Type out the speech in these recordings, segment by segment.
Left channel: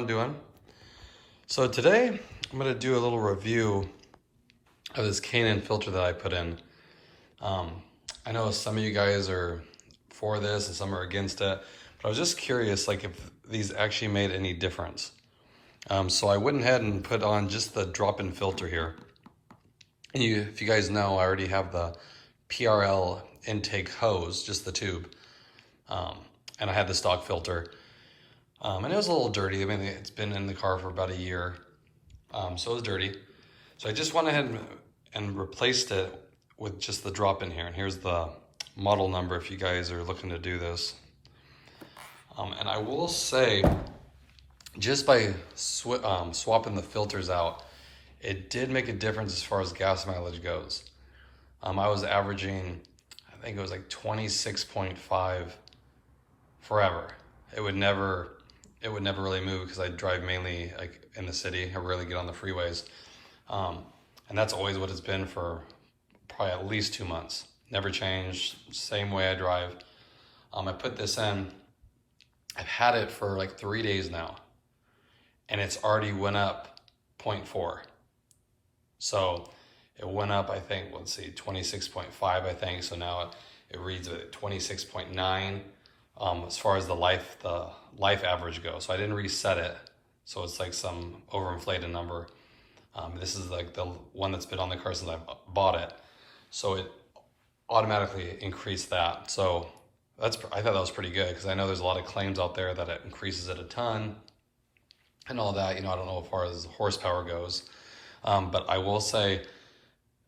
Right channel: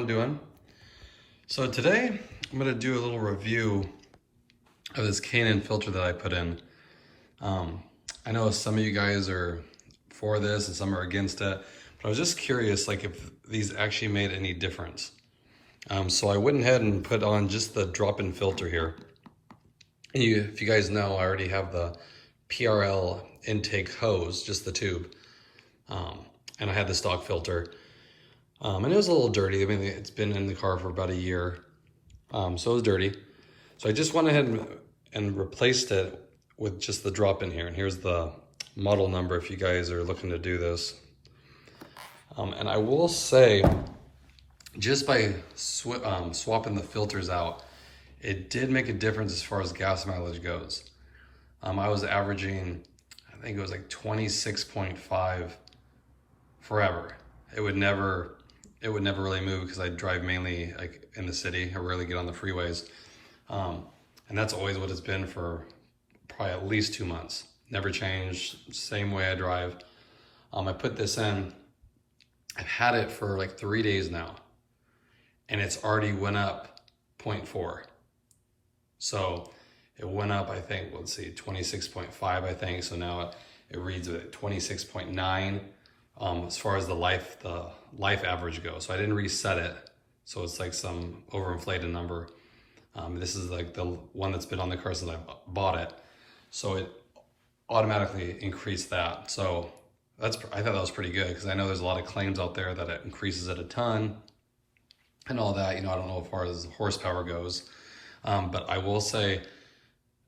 everyone doing? So today I'm going to do a little review of this K&N filter that I put in. I know some of you guys are for this and some are against it, but I was just curious like if these actually made any difference. So I went ahead and put on just the drop-in filter here. And if you guys know, I already have the PRL intake hose, just the tube. And I had the stock filter. And it was a little dirty. I mean, it's been in the car for about a year. So it was dirty. So I just went ahead and replaced it with just the drop-in here. And here's the model number if you guys are looking to do this. And I will say, just by swapping the filters out, it did make a difference as far as gas mileage goes. I was averaging, I think it was like 26.5 forever. It would never really move because I drive mainly like in the city. I rarely get on the freeways. And that's always what it's been for probably at least 2 months. Never changed, same way I drive. I put this in, I've had it for like 3 days now, and it's already went up 0.4. So it went up, I think, let's see, 26.5, I think. So now it reads at 26.9 as far as the life average goes. So I didn't reset it. So it's like some overinflated number. This is like the one that's been on the car since I bought it. So it automatically increased that. So I thought that was pretty good because I know there's a lot of claims out there that it increases it a ton and all that. You know, I don't know as far as horsepower goes. But I will say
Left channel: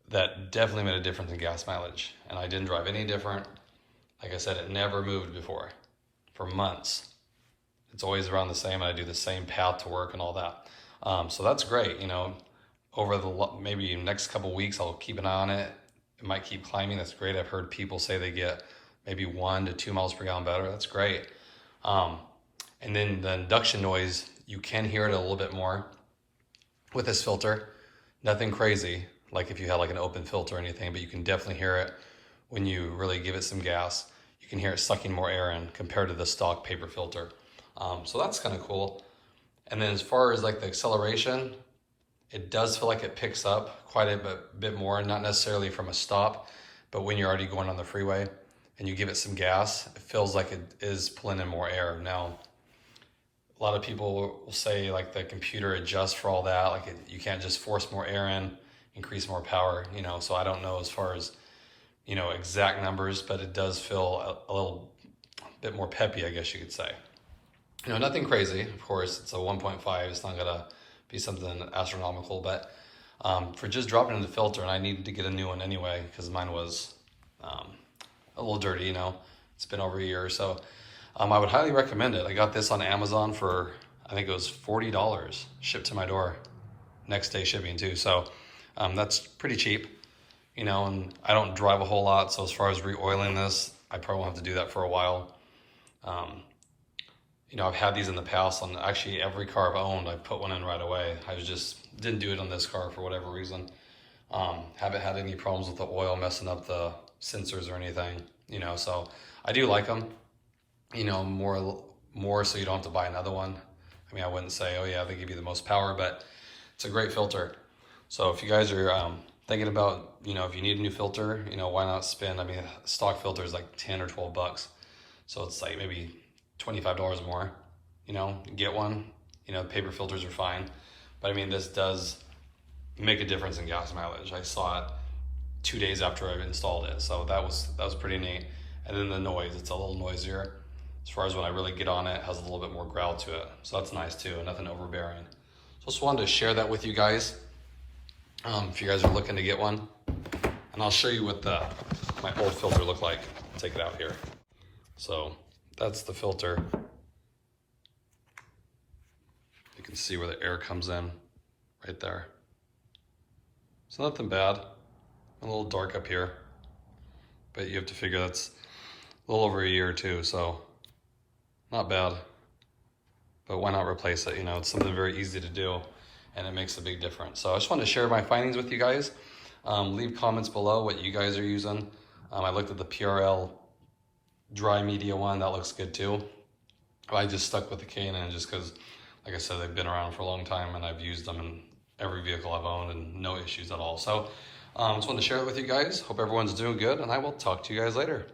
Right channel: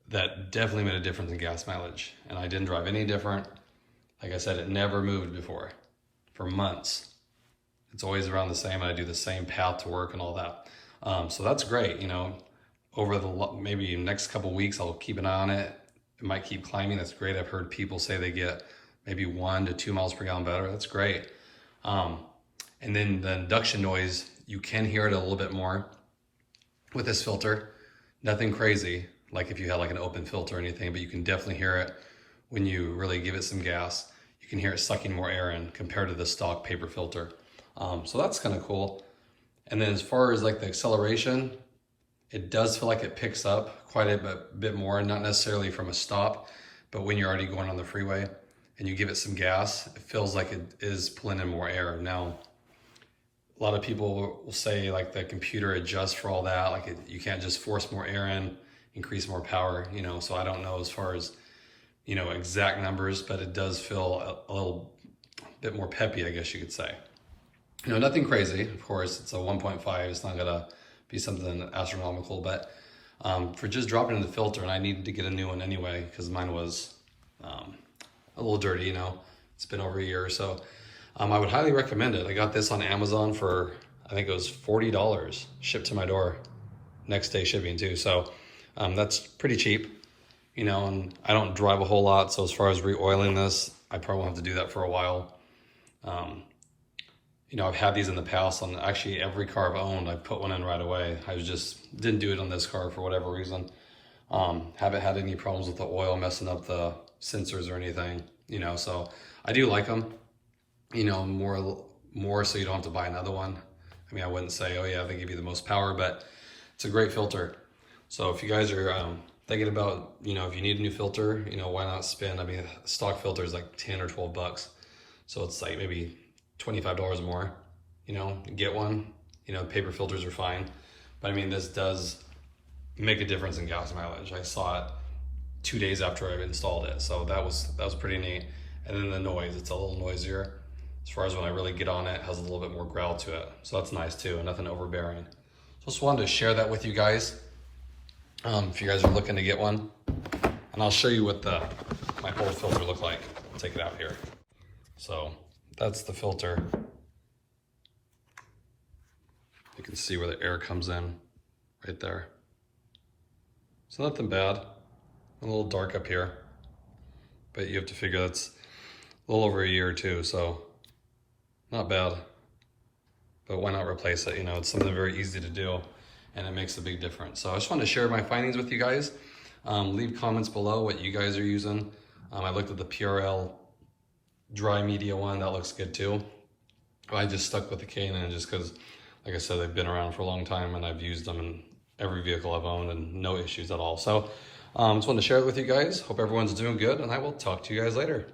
that definitely made a difference in gas mileage. And I didn't drive any different. Like I said, it never moved before for months. It's always around the same. And I do the same path to work and all that. So that's great. You know, over the maybe next couple weeks, I'll keep an eye on it. It might keep climbing. That's great. I've heard people say they get maybe 1 to 2 miles per gallon better. That's great. And then the induction noise, you can hear it a little bit more with this filter. Nothing crazy, like if you had like an open filter or anything, but you can definitely hear it when you really give it some gas. You can hear it sucking more air in compared to the stock paper filter. So that's kind of cool. And then as far as like the acceleration, it does feel like it picks up quite a bit more, not necessarily from a stop, but when you're already going on the freeway and you give it some gas, it feels like it is pulling in more air. Now, a lot of people will say like the computer adjusts for all that, like you can't just force more air in, increase more power, you know, so I don't know as far as, you know, exact numbers, but it does feel a little bit more peppy, I guess you could say. You know, nothing crazy, of course, it's a 1.5, it's not gonna be something astronomical, but for just dropping in the filter, and I needed to get a new one anyway, because mine was a little dirty, you know, it's been over a year or so. I would highly recommend it. I got this on Amazon for, I think it was $40 shipped to my door, next day shipping too. So that's pretty cheap, you know, and I don't drive a whole lot. So as far as re-oiling this, I probably won't have to do that for a while. You know, I've had these in the past on actually every car I've owned. I put one in right away. I just didn't do it on this car for whatever reason. Haven't had any problems with the oil messing up the sensors or anything, you know, so I do like them. You know, more so you don't have to buy another one. I mean, I wouldn't say, oh yeah, they give you the most power, but it's a great filter. So if you guys are thinking about, you know, if you need a new filter, you know, why not spend, I mean, stock filter is like 10 or 12 bucks. So it's like maybe $25 more, you know, get one. You know, paper filters are fine. But I mean, this does make a difference in gas mileage. I saw it 2 days after I've installed it. So that was pretty neat. And then the noise, it's a little noisier. As far as when I really get on it, it has a little bit more growl to it. So that's nice too, and nothing overbearing. So just wanted to share that with you guys. If you guys are looking to get one. And I'll show you what my old filter looked like. I'll take it out here. So that's the filter. You can see where the air comes in, right there. So nothing bad. A little dark up here. But you have to figure that's a little over a year or two, so not bad, but why not replace it? You know, it's something very easy to do and it makes a big difference. So I just wanted to share my findings with you guys. Leave comments below what you guys are using. I looked at the PRL dry media one, that looks good too. I just stuck with the K&N just because like I said, they've been around for a long time and I've used them in every vehicle I've owned and no issues at all. So just wanted to share it with you guys. Hope everyone's doing good and I will talk to you guys later.